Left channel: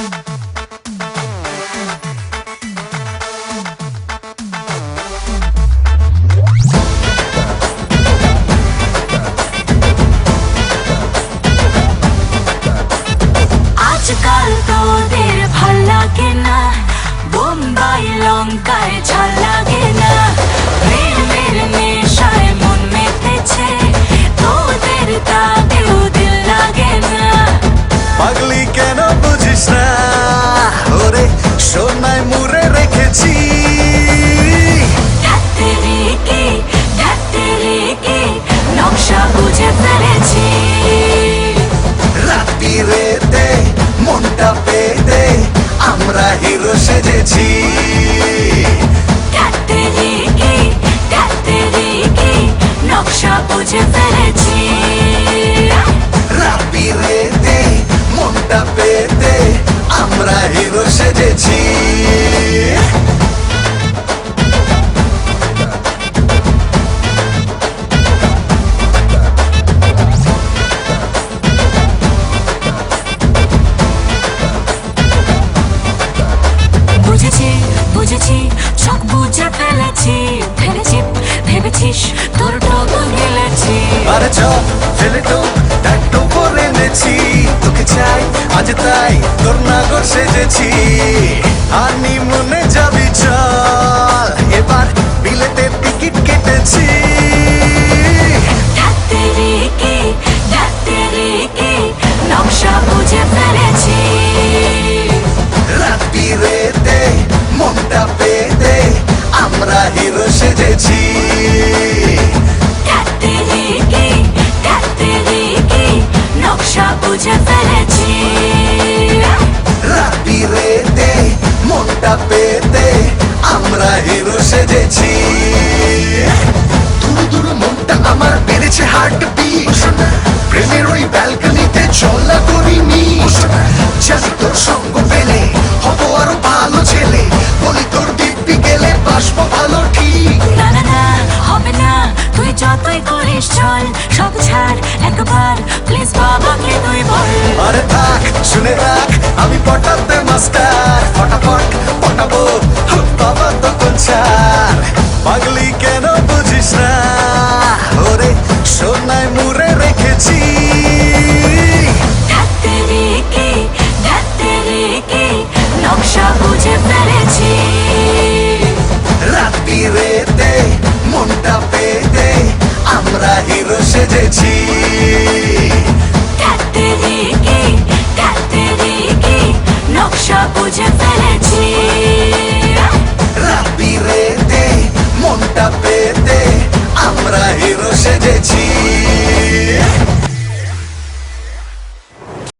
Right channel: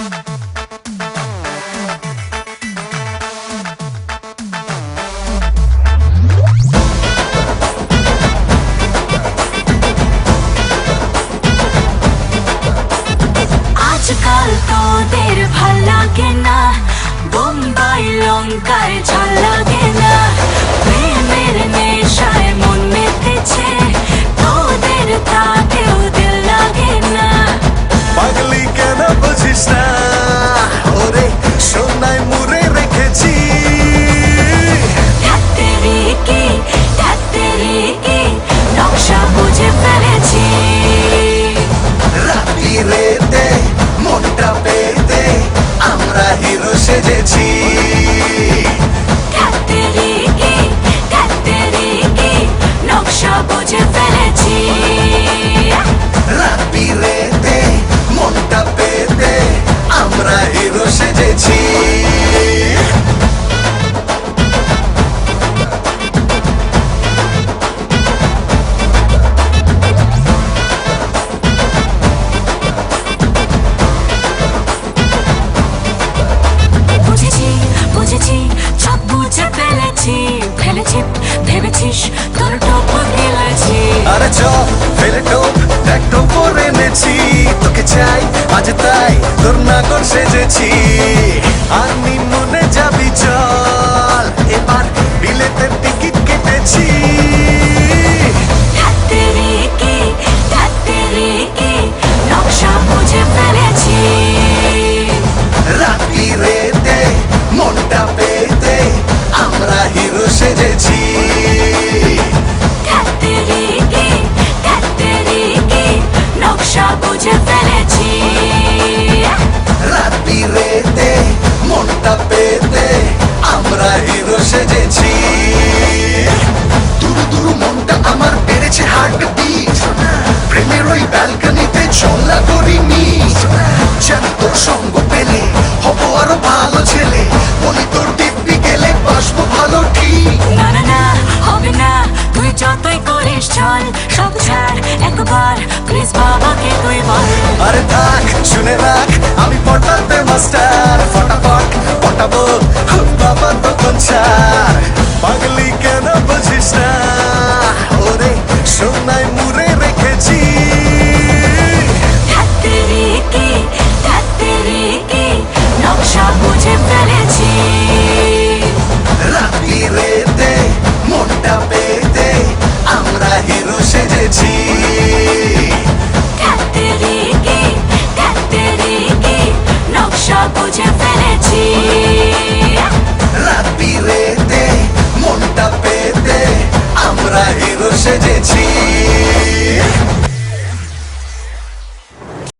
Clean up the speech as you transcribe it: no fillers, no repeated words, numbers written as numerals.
আজকাল তোদের ভাল লাগে না, বোম্বাই লঙ্কায় ঝাল লাগে না, প্রেমের নেশায় মন মেতেছে, তোদের তাকেও দিল লাগে না। পাগলি কেন বুঝিস না, ওরে সোনায় মুড়ে রেখেছি। ঠ্যাত্তেরিকি নকশা বুঝে ফেলেছি। রাত্রিরেতে মনটা পেতে আমরা হিরো সেজেছি। ঠ্যাত্তেরিকি নকশা বুঝে ফেলেছি। রাত্রিরেতে মনটা পেতে আমরা হিরো সেজেছি। বুঝেছি সব বুঝে ফেলেছি, ভেবেছিস তোর টপ গেলেছি। আরে চ ফেলে টোপ একটু পরে এনেছি, তোকে চাই আজ তাই তোর নাগর সেজেছি। আর নিমনে যাবি চল, এবার বিলেতে টিকিট কেটেছি। ঠ্যাত্তেরিকি নকশা বুঝে ফেলেছি। রাত্রিরেতে মনটা পেতে আমরা হিরো সেজেছি। ঠ্যাত্তেরিকি নকশা বুঝে ফেলেছি। রাত্রিরেতে মনটা পেতে আমরা হিরো সেজেছি। দুরু দুরু মনটা আমার বেড়েছে হার্ট বিট, প্রেমের ওই ব্যালকনিতে চলা করি মিট। জানি তোর সঙ্গ পেলে হব আরো ভালো ছেলে, বলি তোর দিব্যি গেলে বাসবো ভালো ঠিক। না না না হবে না, তুই যতই করিস চল, সব ছাড় একবার প্লিজ বাবাকে তুই বল। আরে থাক শুনে রাখ আমি পটাতে মাস্টার, ফটাফট পটাবো বাবা তো কোথায়। পাগলি কেন বুঝিস না, ওরে সোনায় মুড়ে রেখেছি। ঠ্যাত্তেরিকি নকশা বুঝে ফেলেছি। রাত্রিরেতে মনটা পেতে আমরা হিরো সেজেছি। ঠ্যাত্তেরিকি নকশা বুঝে ফেলেছি।